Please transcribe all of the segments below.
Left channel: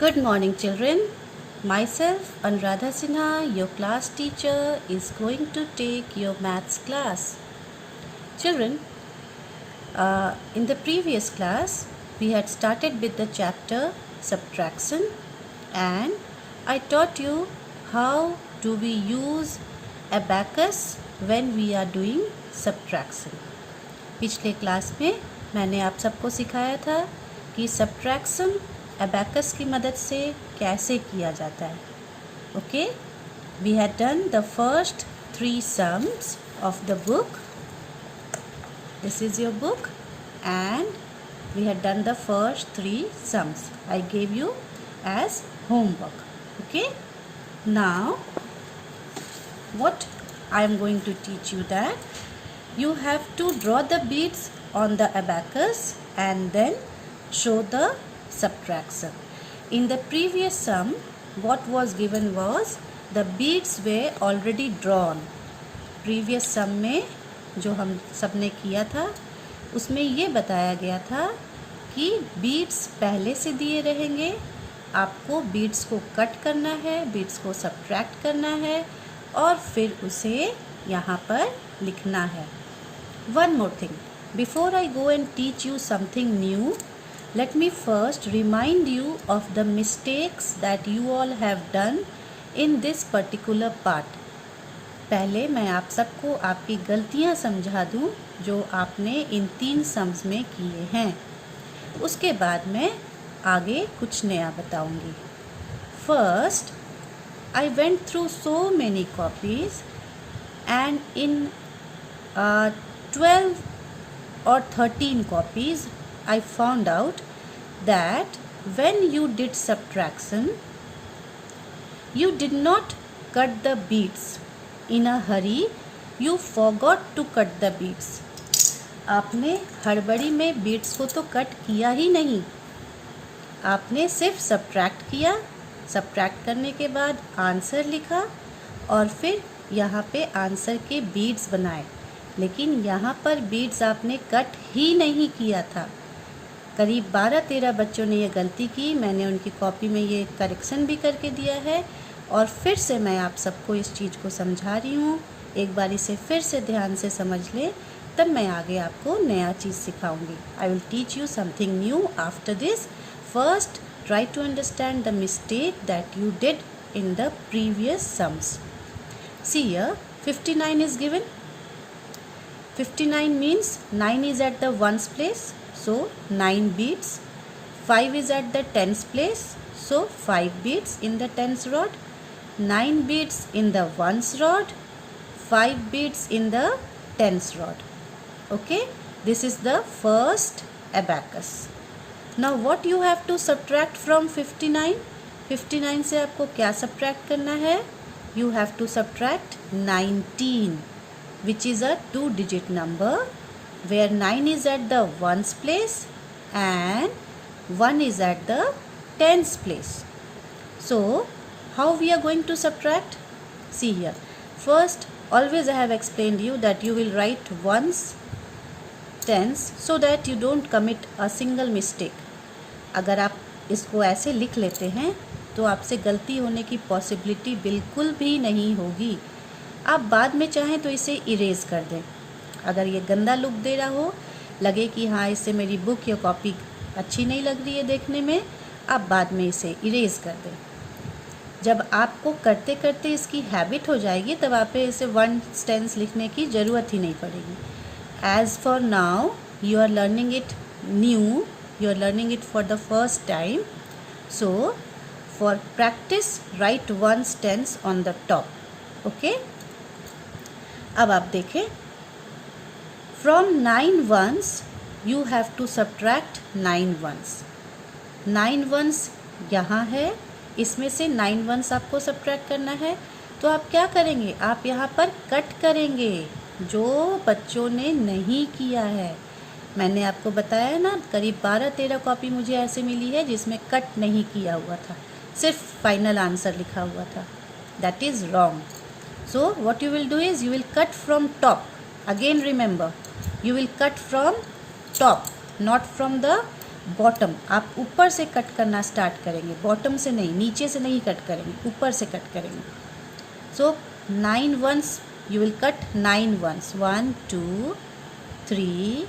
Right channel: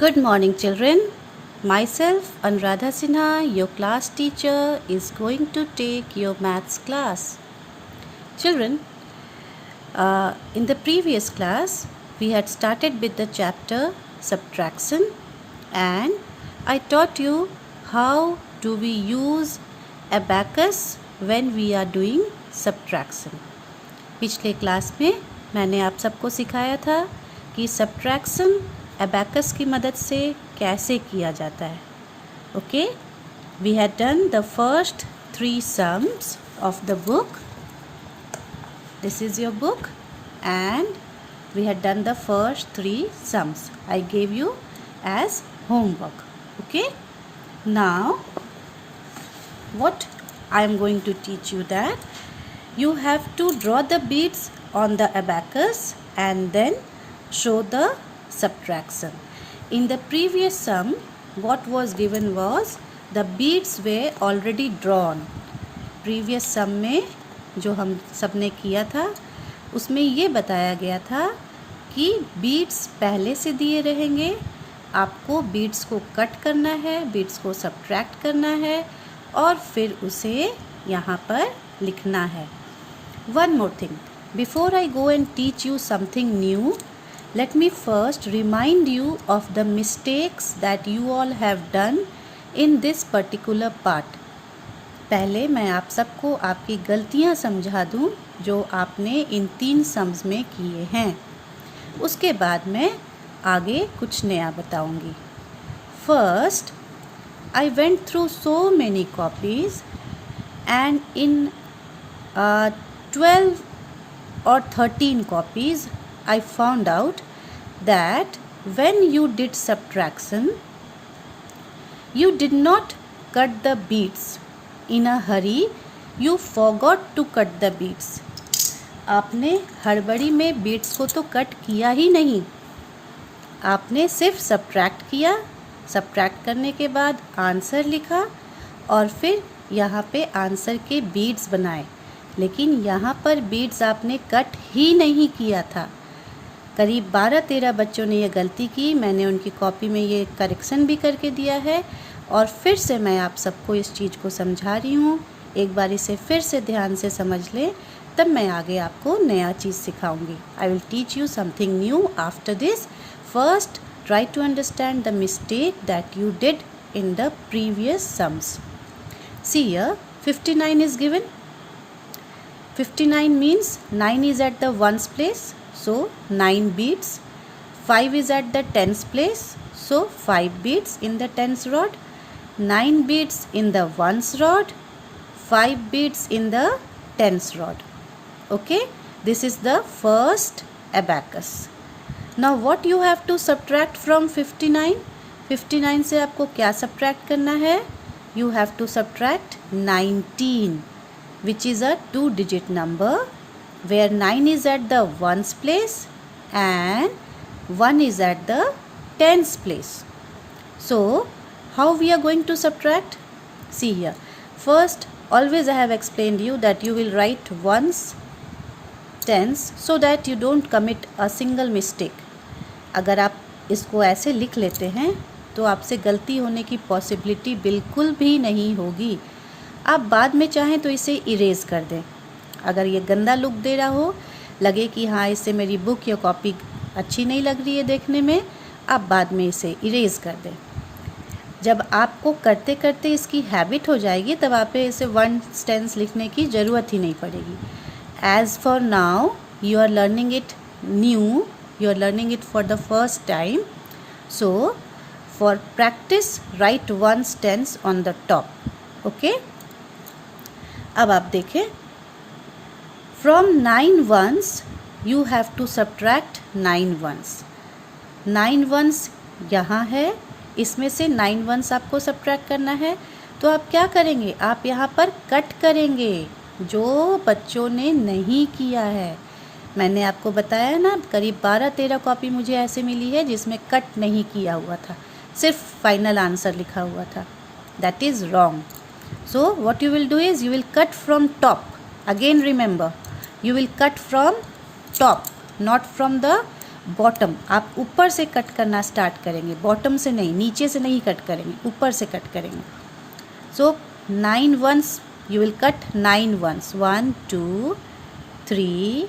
Good morning, children. Myself, Anuradha Sinha, your class teacher, is going to take your maths class. Children, in the previous class, we had started with the chapter subtraction, and I taught you how do we use abacus when we are doing subtraction. पिछले class में मैंने आप सबको सिखाया था कि subtraction abacus की मदद से कैसे किया जाता है. Okay, we had done the first 3 sums of the book. This is your book, and we had done the first 3 sums. I gave you as homework. Okay, now what I am going to teach you that you have to draw the beads on the abacus and then show the subtraction. In the previous sum, what was given was the beads were already drawn. Previous sum में जो हम सब ने किया था उसमें ये बताया गया था कि beads पहले से दिए रहेंगे, आपको beads को कट करना है, beads को subtract करना है और फिर उसे यहाँ पर लिखना है. One more thing, before I go and teach you something new, let me first remind you of the mistakes that you all have done in this particular part. पहले मैं आप सबको आपकी गलतियाँ समझा दूँ जो आपने इन 3 सम्स में किए हैं. उसके बाद मैं आगे कुछ नया बताऊँगी. First, I went through so many copies and in 12 or 13 copies I found out that when you did subtraction, you did not cut the beads. In a hurry, you forgot to cut the beads. आपने हड़बड़ी में beads को तो cut किया ही नहीं, आपने सिर्फ subtract किया. subtract करने के बाद आंसर लिखा और फिर यहाँ पे आंसर के beads बनाए, लेकिन यहाँ पर beads आपने कट ही नहीं किया था. करीब 12-13 बच्चों ने ये गलती की. मैंने उनकी कॉपी में ये करेक्शन भी करके दिया है और फिर से मैं आप सबको इस चीज़ को समझा रही हूँ. एक बार इसे फिर से ध्यान से समझ लें, तब मैं आगे आपको नया चीज़ सिखाऊंगी. I will teach you something new after this. First, try to understand the mistake that you did in the previous sums. See here, 59 is given. 59 means 9 is at the ones place, so 9 beads. 5 is at the tens place, so 5 beads in the tens rod. 9 beads in the ones rod, 5 beads in the tens rod. Okay, this is the first abacus. Now what you have to subtract from 59? 59 से आपको क्या subtract करना है? You have to subtract 19, which is a 2-digit number, where 9 is at the ones place and 1 is at the tens place. So how we are going to subtract? See here. First, always I have explained you that you will write ones, tens, so that you don't commit a single mistake. अगर आप इसको ऐसे लिख लेते हैं तो आपसे गलती होने की पॉसिबिलिटी बिल्कुल भी नहीं होगी. आप बाद में चाहें तो इसे इरेज कर दें. अगर ये गंदा लुक दे रहा हो, लगे कि हाँ इससे मेरी बुक या कॉपी अच्छी नहीं लग रही है देखने में, आप बाद में इसे इरेज कर दें. जब आपको करते करते इसकी हैबिट हो जाएगी तब आप इसे 1 टेंस लिखने की ज़रूरत ही नहीं पड़ेगी. As for now you are learning it new, you are learning it for the first time. So for practice write 1 tens on the top. Okay, अब आप देखें. From 9 ones you have to subtract 9 ones. 9 ones यहाँ है, इसमें से 9 ones आपको subtract करना है. तो आप क्या करेंगे? आप यहाँ पर कट करेंगे, जो बच्चों ने नहीं किया है. मैंने आपको बताया ना, करीब 12-13 कॉपी मुझे ऐसे मिली है जिसमें कट नहीं किया हुआ था, सिर्फ फाइनल आंसर लिखा हुआ था. That is wrong. So what you will do is you will cut from top. Again remember, you will cut from top, not from the bottom, आप ऊपर से कट करना स्टार्ट करेंगे, बॉटम से नहीं, नीचे से नहीं कट करेंगे, ऊपर से कट करेंगे. सो 9 ones you will cut 9 ones. 1 2 3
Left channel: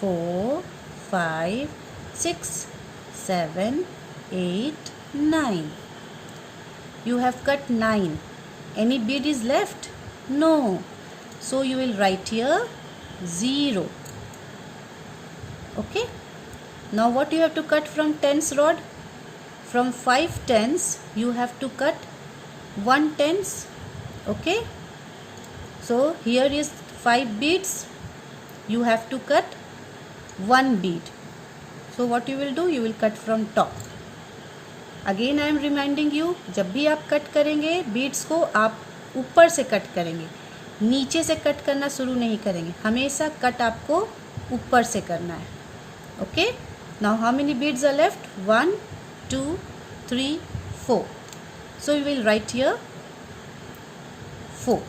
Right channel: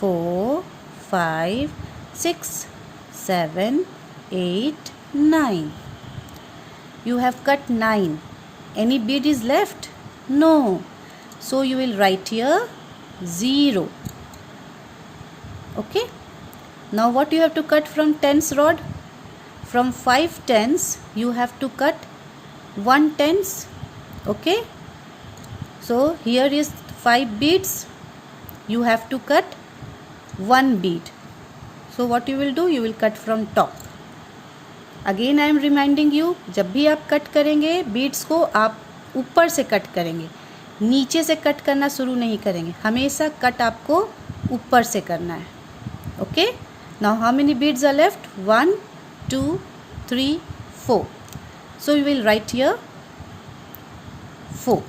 4 5 6 7 8 9. You have cut 9. Any bead is left? No. So you will write here 0. Okay. Now what you have to cut from tens rod? From 5 tens you have to cut 1 tens. Okay. So here is 5 beads. You have to cut 1 bead. So what you will do? You will cut from top. Again I am reminding you, जब भी आप cut करेंगे beads को आप ऊपर से cut करेंगे, नीचे से कट करना शुरू नहीं करेंगे. हमेशा कट आपको ऊपर से करना है. Okay. Now how many beads are left? 1 2 3 4. So you will write here 4.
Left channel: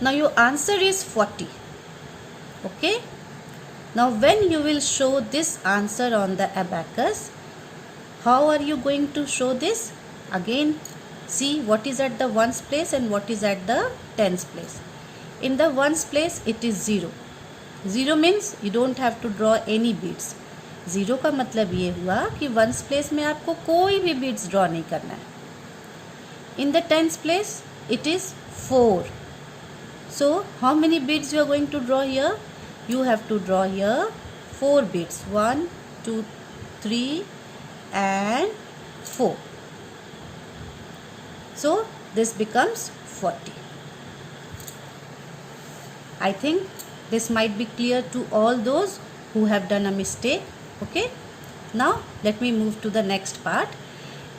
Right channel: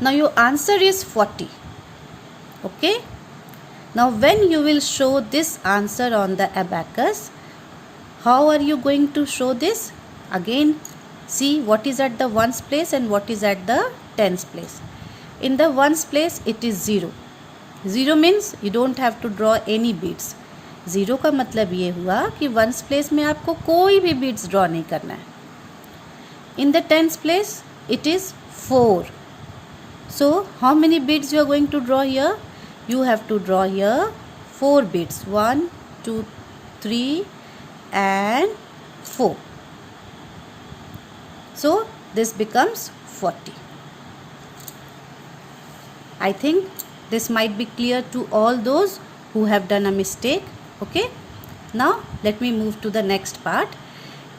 Now your answer is 40. Okay. Now when you will show this answer on the abacus, how are you going to show this? Again, see what is at the ones place and what is at the tens place. In the ones place it is 0. 0 means you don't have to draw any beads. 0 का मतलब ये हुआ कि ones place में आपको कोई भी beads draw नहीं करना है. In the tens place it is 4. So how many beads you are going to draw here? You have to draw here 4 beads. 1 2 3 and 4. So this becomes 40. I think this might be clear to all those who have done a mistake. Okay. Now let me move to the next part.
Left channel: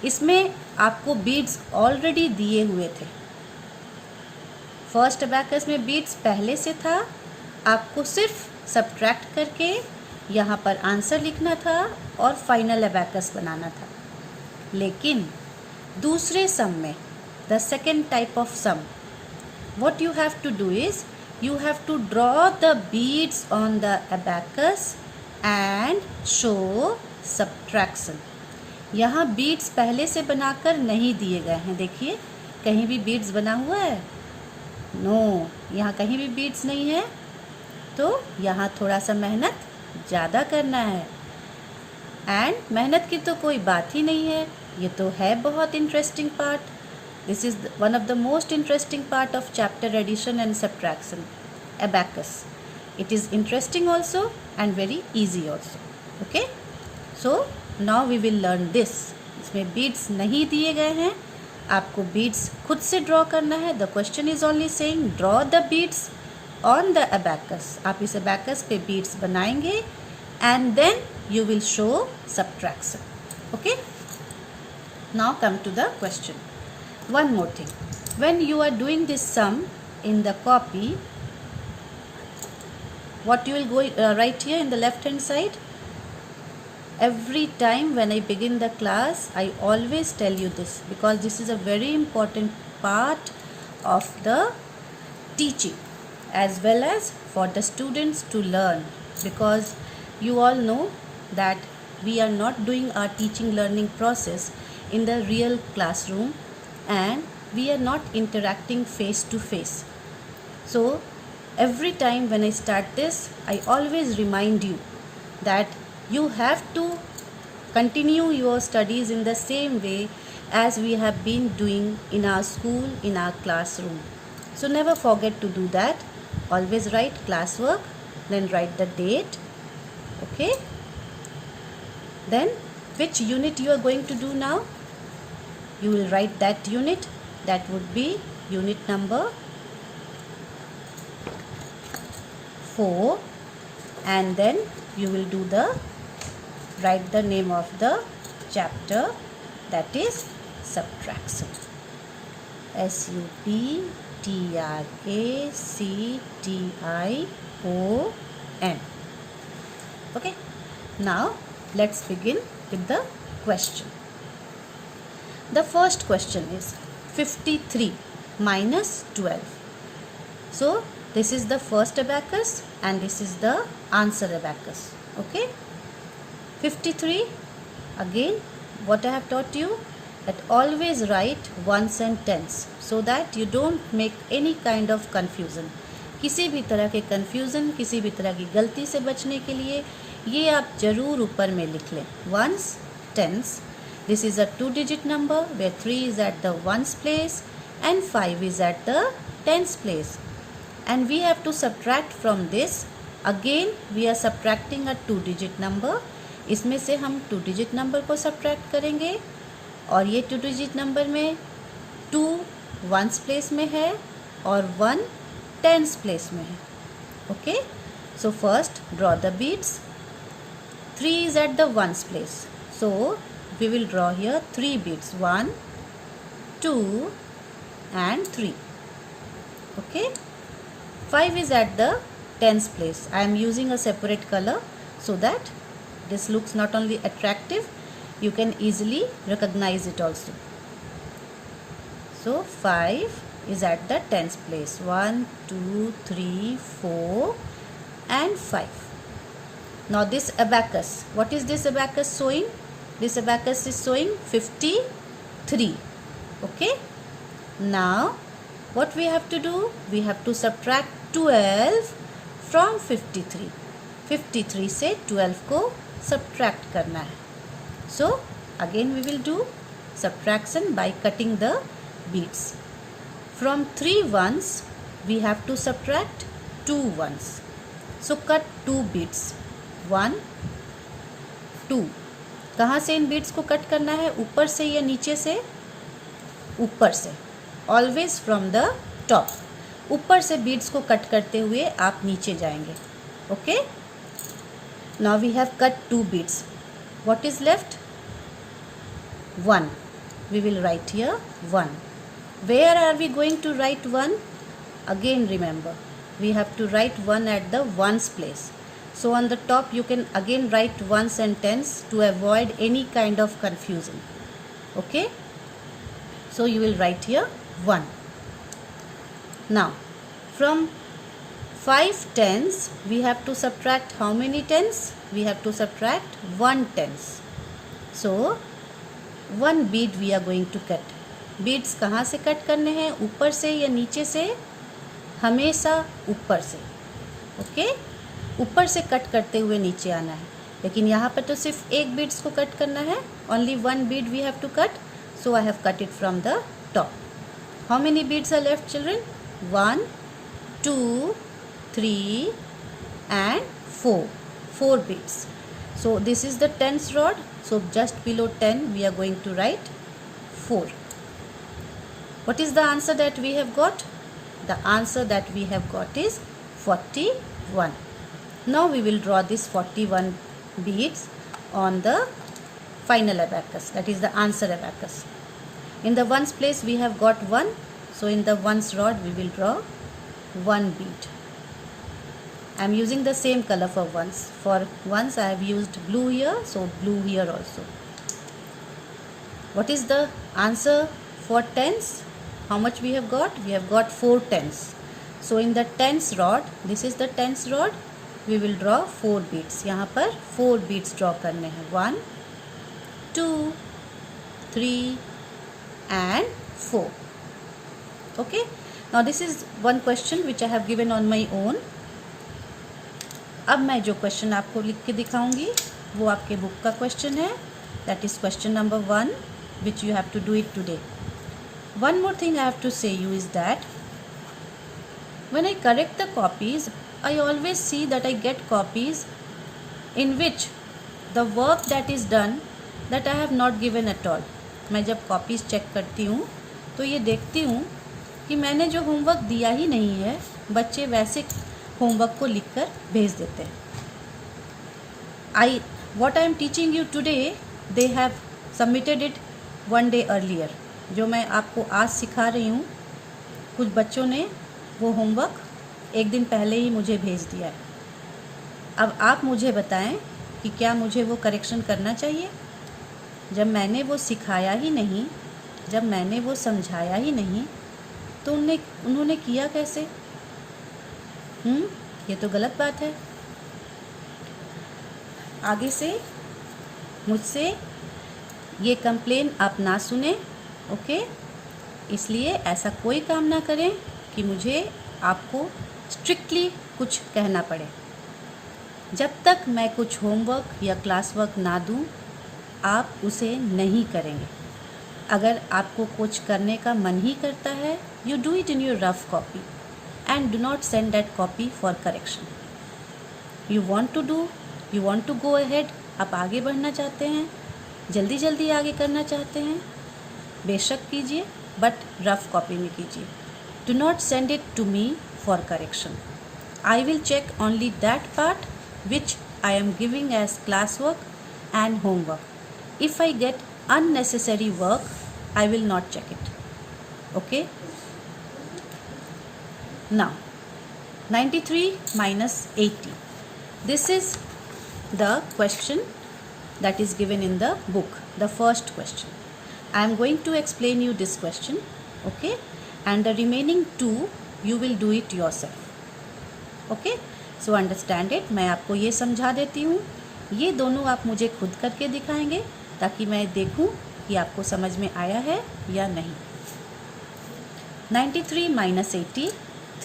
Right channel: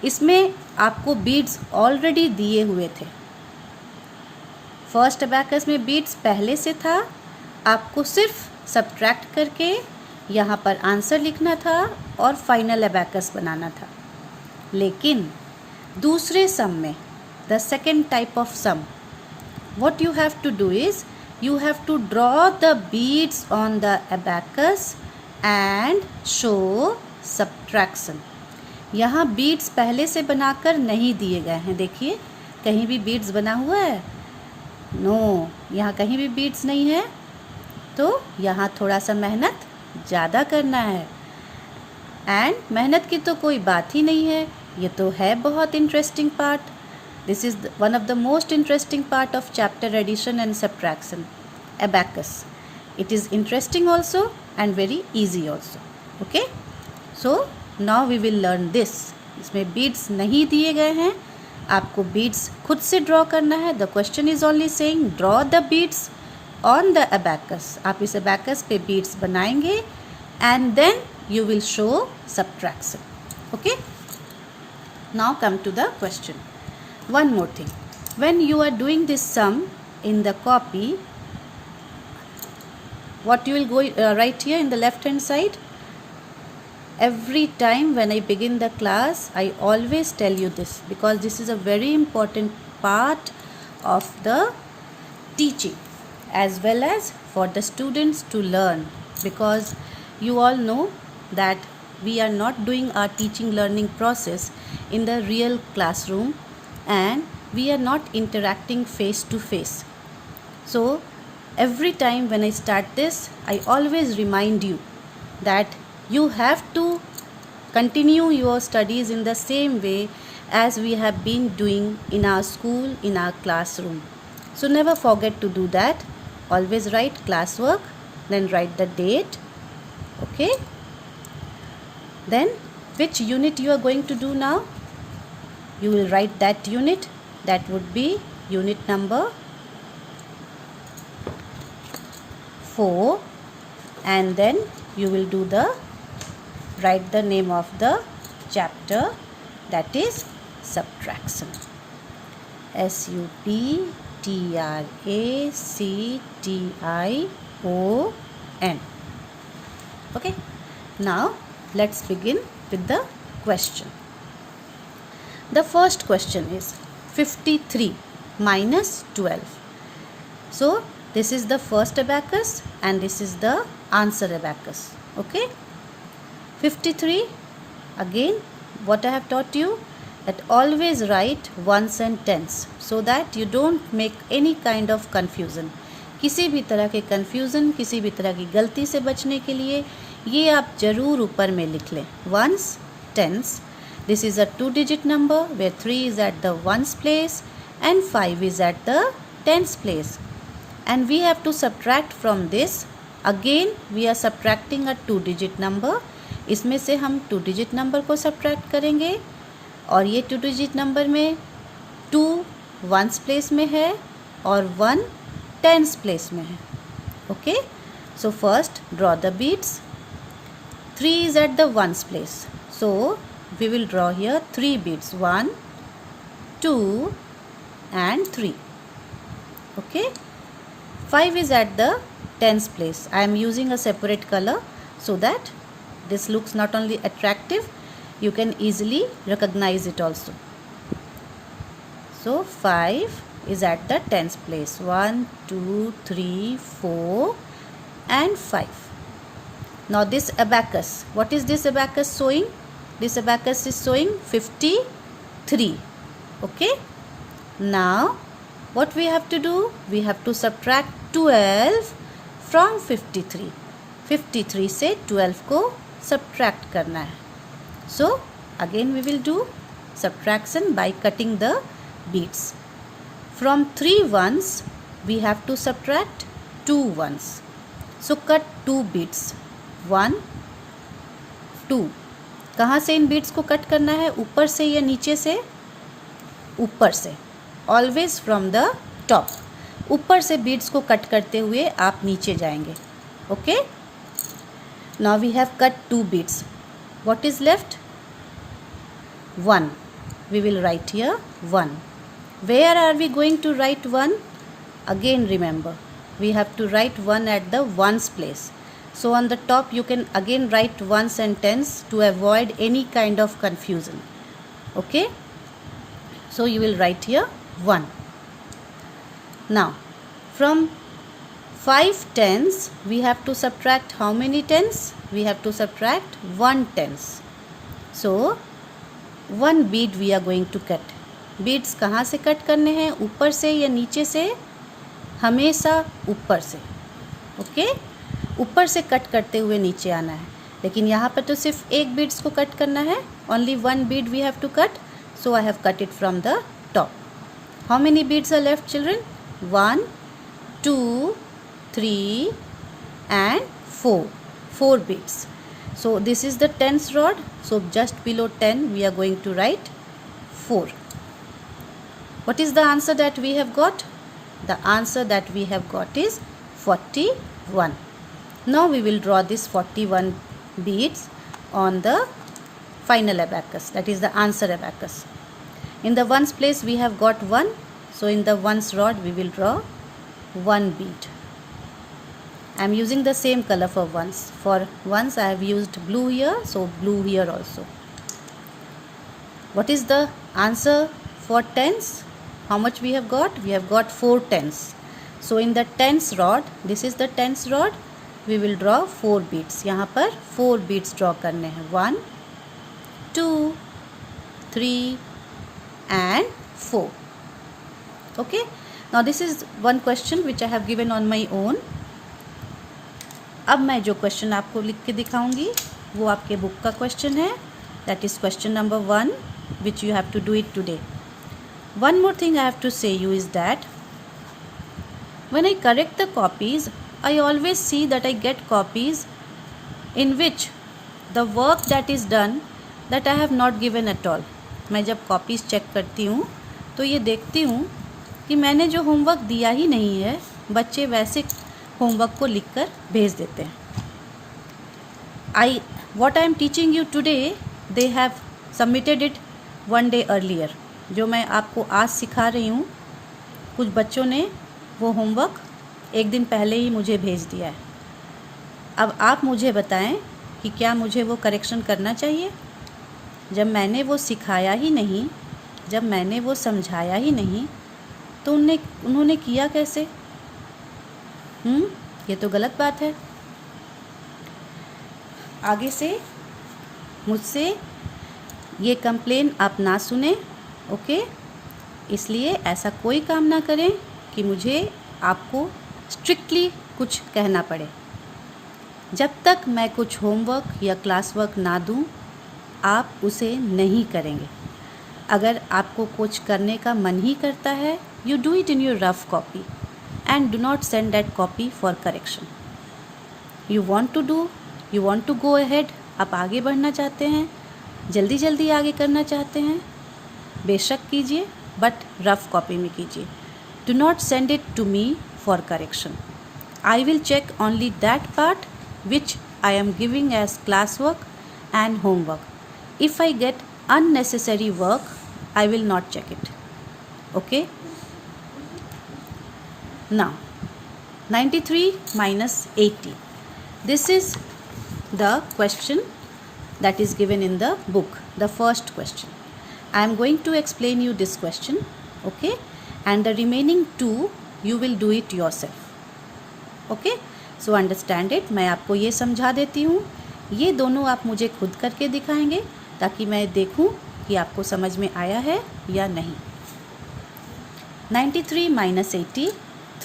इसमें आपको beads already दिए हुए थे. First abacus में beads पहले से था, आपको सिर्फ subtract करके यहाँ पर आंसर लिखना था और फाइनल abacus बनाना था. लेकिन दूसरे सम में, the second type of sum, what you have to do is you have to draw the beads on the abacus and show subtraction. यहाँ beads पहले से बनाकर नहीं दिए गए हैं. देखिए कहीं भी beads बना हुआ है? नो, यहाँ कहीं भी beads नहीं है. तो यहाँ थोड़ा सा मेहनत ज़्यादा करना है. एंड मेहनत की तो कोई बात ही नहीं है, ये तो है बहुत interesting part. This is one of the most interesting part of chapter addition and subtraction, abacus. It is interesting also and very easy also. Okay. So now we will learn this. इसमें beads नहीं दिए गए हैं, आपको beads खुद से draw करना है. The question is only saying draw the beads on the abacus. आप इस abacus पे beads बनाएंगे and then you will show subtraction. Okay. Now come to the question. One more thing, when you are doing this sum in the copy, what you will go write here in the left hand side? Every time when I begin the class, I always tell you this because this is a very important part of the teaching as well as for the students to learn, because you all know that we are not doing our teaching learning process in the real classroom and we are not interacting face to face. So every time when I start this, I always remind you that you have to continue your studies in the same way as we have been doing in our school, in our classroom. So never forget to do that. Always write classwork, then write the date. Okay. Then which unit you are going to do now? You will write that unit. That would be unit number 4, and then you will do the write the name of the chapter, that is subtraction. SUBTRACTION. Okay. Now let's begin with the question. The first question is 53 minus 12. So this is the first abacus and this is the answer abacus. Okay. 53, again what I have taught you, that always write ones and tens so that you don't make any kind of confusion. किसी भी तरह के confusion, किसी भी तरह की गलती से बचने के लिए ये आप ज़रूर ऊपर में लिख लें. Ones, tens. This is a 2-digit number where 3 is at the ones place and 5 is at the tens place. And we have to subtract from this. Again we are subtracting a 2-digit number. इसमें से हम 2-digit number को subtract करेंगे और ये 2-digit number में 2 ones place में है और 1 tens place में है. Okay, so first draw the beads. 3 is at the ones place, so we will draw here 3 beads, 1, 2 and 3. Okay, 5 is at the tens place. I am using a separate color so that this looks not only attractive, you can easily recognize it also. So 5 is at the tens place, 1, 2, 3, 4 and 5. Now this abacus, what is this abacus showing? This abacus is showing 53. Okay, now what we have to do? We have to subtract 12 from 53. 53 से 12 को subtract करना है. So again we will do subtraction by cutting the beads. From 3 ones we have to subtract 2 ones. So cut 2 beads. 1, 2. कहाँ से इन beads को cut करना है? ऊपर से या नीचे से? ऊपर से. Always from the top. ऊपर से बीड्स को कट करते हुए आप नीचे जाएंगे. Okay, now we have cut 2 beads. What is left? 1. We will write here 1. Where are we going to write 1? Again remember, we have to write 1 at the ones place. So on the top you can again write ones and tens to avoid any kind of confusion. Okay, so you will write here 1. Now from 5 tens we have to subtract how many tens? We have to subtract 1 tens. So 1 bead we are going to cut. Beads कहाँ से cut करने हैं? ऊपर से या नीचे से? हमेशा ऊपर से. ओके, ऊपर से कट करते हुए नीचे आना है. लेकिन यहाँ पर तो सिर्फ एक बीड्स को कट करना है. Only 1 bead we have to cut. So I have cut it from the top. How many beads are left, children? 1, 2, 3 and 4. 4 beads. So this is the tens rod. So just below 10 we are going to write 4. What is the answer that we have got? The answer that we have got is 41. Now we will draw this 41 beads on the final abacus, that is the answer abacus. In the ones place we have got 1, so in the ones rod we will draw 1 bead. I am using the same color for ones. For ones I have used blue here, so blue here also. What is the answer for tens? How much we have got? We have got 4 tens. So in the tens rod, this is the tens rod, we will draw 4 beads. यहाँ पर 4 beads draw करने हैं. 1, 2, 3 and 4. Okay, now this is one question which I have given on my own. अब मैं जो question आपको लिख के दिखाऊंगी वो आपके बुक का क्वेश्चन है. That is question number 1 which you have to do it today. One more thing I have to say you is that when I correct the copies, I always see that I get copies in which the work that is done that I have not given at all. मैं जब copies check करती हूँ तो ये देखती हूँ कि मैंने जो homework दिया ही नहीं है, बच्चे वैसे homework को लिख कर भेज देते हैं. What I am teaching you today, they have submitted it one day earlier. जो मैं आपको आज सिखा रही हूँ, कुछ बच्चों ने वो होमवर्क एक दिन पहले ही मुझे भेज दिया है. अब आप मुझे बताएं कि क्या मुझे वो करेक्शन करना चाहिए? जब मैंने वो सिखाया ही नहीं, जब मैंने वो समझाया ही नहीं, तो उन्होंने किया कैसे? ये तो गलत बात है. आगे से मुझसे ये कंप्लेन आप ना सुने, ओके? इसलिए ऐसा कोई काम ना करें कि मुझे आपको स्ट्रिक्टली कुछ कहना पड़े। जब तक मैं कुछ होमवर्क या क्लास वर्क ना दूं, आप उसे नहीं करेंगे। अगर आपको कुछ करने का मन ही करता है, you do it in your rough copy and do not send that copy for correction. You want to go ahead, आप आगे बढ़ना चाहते हैं, जल्दी जल्दी आगे करना चाहते हैं, बेशक कीजिए, बट रफ कॉपी में कीजिए। Do not send it to me for correction. I will check only that part which I am giving as classwork and homework. If I get unnecessary work, I will not check it. Okay? Now, 93 minus 80. This is the question that is given in the book, the first question. I am going to explain you this question, okay? And the remaining two, you will do it yourself. Okay? So understand it. मैं आपको ये समझा देती हूँ, ये दोनों आप मुझे खुद करके दिखाएंगे ताकि मैं देखूँ कि आपको समझ में आया है या नहीं। 93 minus 80,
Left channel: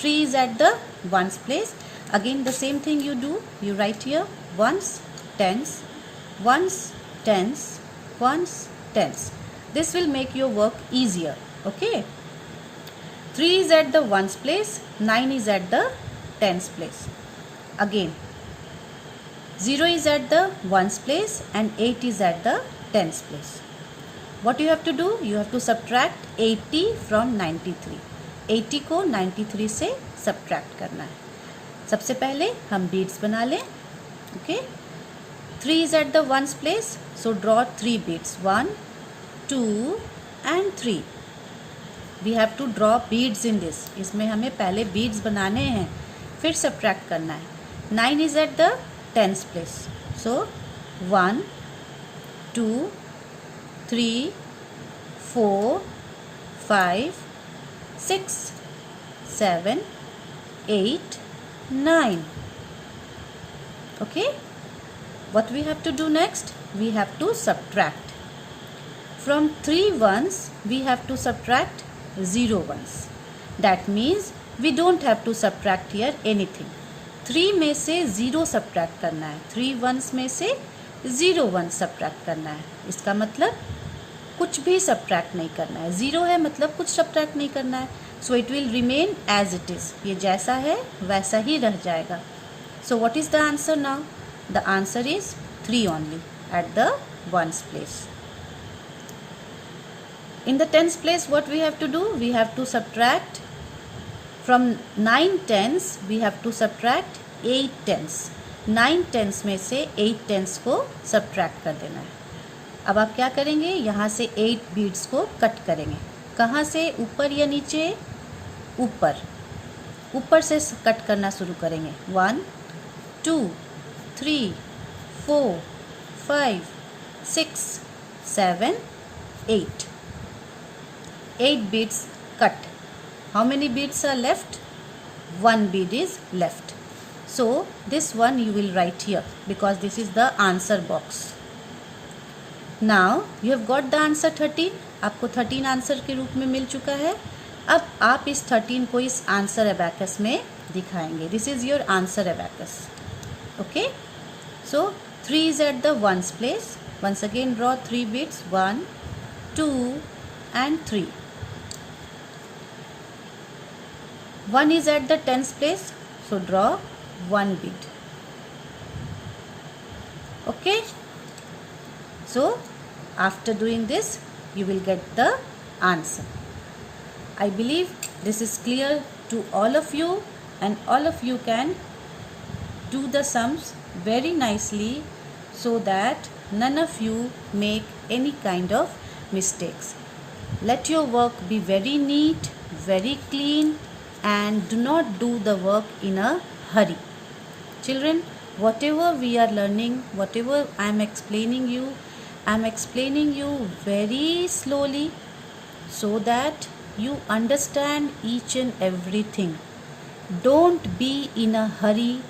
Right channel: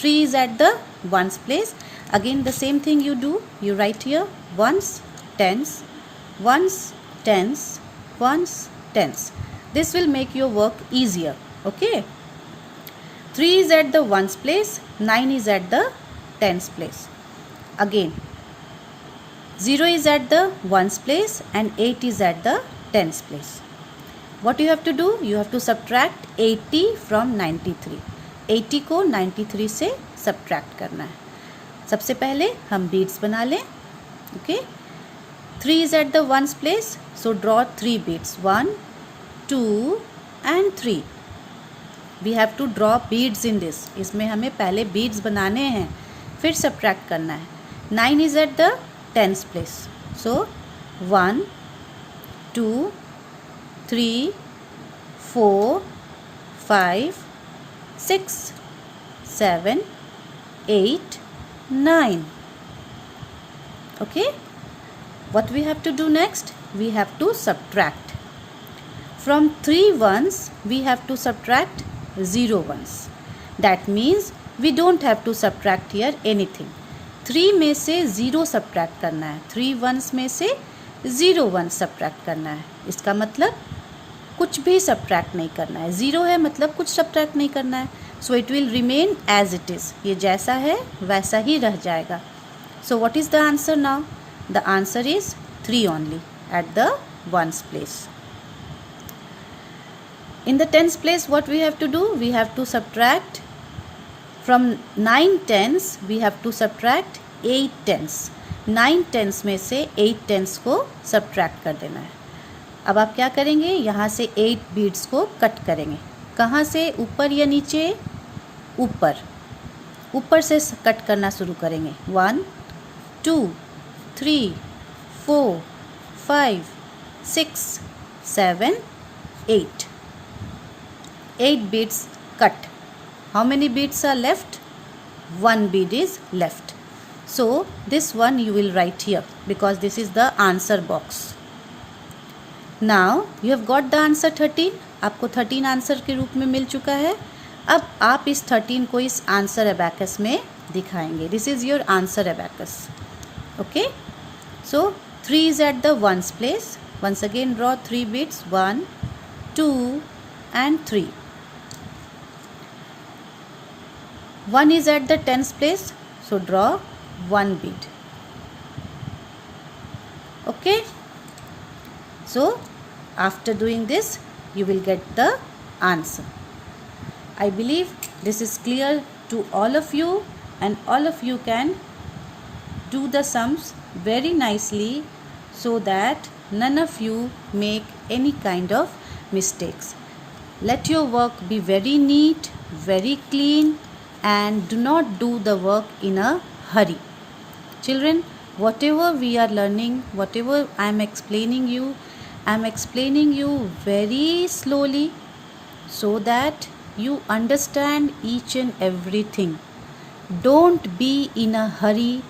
3 is at the ones place. Again the same thing you do, you write here ones, tens, ones, tens, ones, tens. This will make your work easier, okay? 3 is at the ones place, 9 is at the tens place. Again 0 is at the ones place and 8 is at the tens place. What you have to do? You have to subtract 80 from 93. 80 को 93 से subtract करना है। सबसे पहले हम beads बना लें, okay? 3 is at the ones place, so draw 3 beads, 1, 2 and 3. We have to draw beads in this. इसमें हमें पहले beads बनाने हैं, फिर subtract करना है। 9 is at the tens place, so 1, 2, 3, 4, 5, 6, 7, 8, 9. Okay? What we have to do next? We have to subtract. From 3 ones, we have to subtract 0 ones. That means we don't have to subtract here anything. 3 में से 0 subtract करना है, 3 once में से 0 one subtract करना है। इसका मतलब कुछ भी सब्ट्रैक्ट नहीं करना है। 0 है मतलब कुछ सब्ट्रैक्ट नहीं करना है। So it will remain as it is, ये जैसा है वैसा ही रह जाएगा। So what is the answer now? The answer is 3 only at the ones place. In the tens place, what we have to do? We have to subtract from 9 tens. We have to subtract 8 tens. 9 tens में से 8 tens को subtract कर देना है। अब आप क्या करेंगे? यहाँ से 8 beads को कट करेंगे। कहाँ से? ऊपर या नीचे? ऊपर। ऊपर से कट करना शुरू करेंगे। 1, 2, 3, 4, 5, 6, 7, 8. 8 beads cut. How many beads are left? 1 bead is left. So this one you will write here because this is the answer box. Now you have got the answer 13. आपको 13 आंसर के रूप में मिल चुका है। अब आप इस 13 को इस आंसर अबैकस में दिखाएंगे। This is your answer abacus. Okay? So 3 is at the ones place. Once again draw 3 beads. 1, 2 and 3. 1 is at the tens place, so draw 1 bead. Okay? So after doing this, you will get the answer. I believe this is clear to all of you, and all of you can do the sums very nicely so that none of you make any kind of mistakes. Let your work be very neat, very clean, and do not do the work in a hurry. Children, whatever we are learning, whatever I am explaining you very slowly so that you understand each and everything. Don't be in a hurry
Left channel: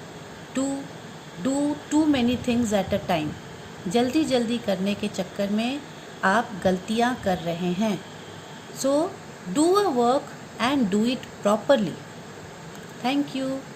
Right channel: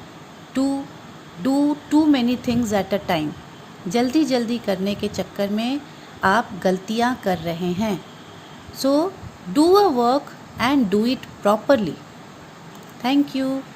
to do too many things at a time. जल्दी जल्दी करने के चक्कर में आप गलतियाँ कर रहे हैं। So do a work and do it properly. Thank you.